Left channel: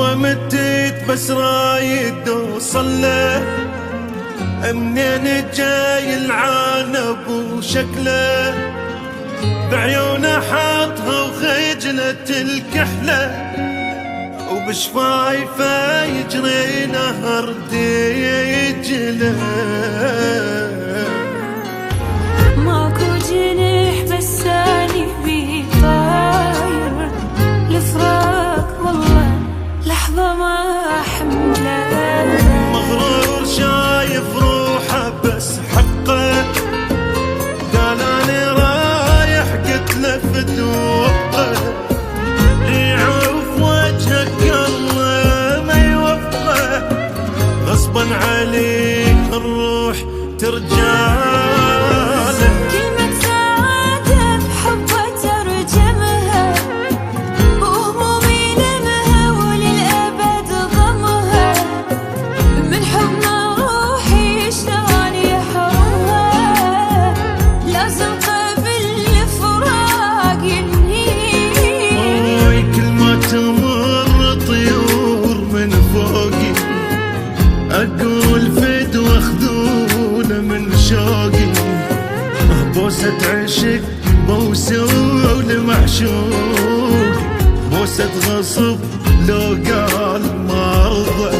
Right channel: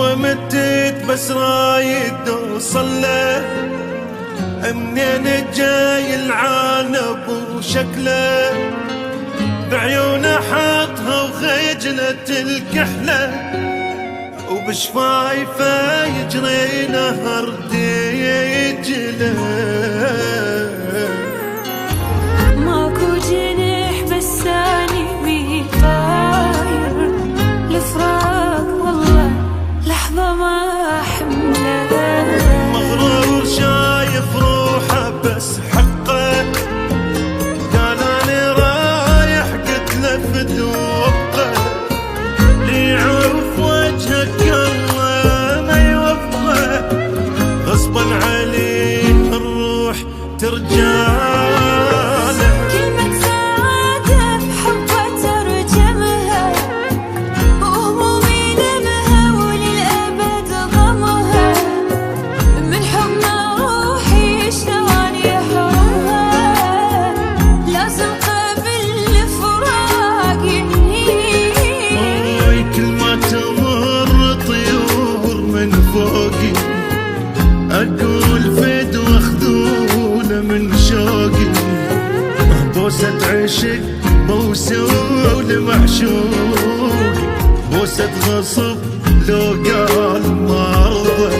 وما متيت بس رايد اوصل له، منين جاي العانب وشكله، بعيونه حاطها وخجلة الكحلة، وبشفايفه يجري نهر دجله. ماكو جنح بس اني بي طاير، الفراق والله لحظة ما حمله. مغرور شايف روحه بس حقه، قال اني رايح قلت له فدوقه، لي يعرف وجهك الله ما يوفقه، غصبا عليه الروح ترجاله. كلمة سعادة بحبه ترجمها، وهمومي لمها وللأبد ضمها، من حضن روحي شلون يحرمها، لازم قبل الفراق ينهي. كل ما تمر طيور من فوقي، اقول فد واخذوله من شوقي، بوسة عشق بوسة لمعشوقي، بوسة غصب لو قال ما ارضى،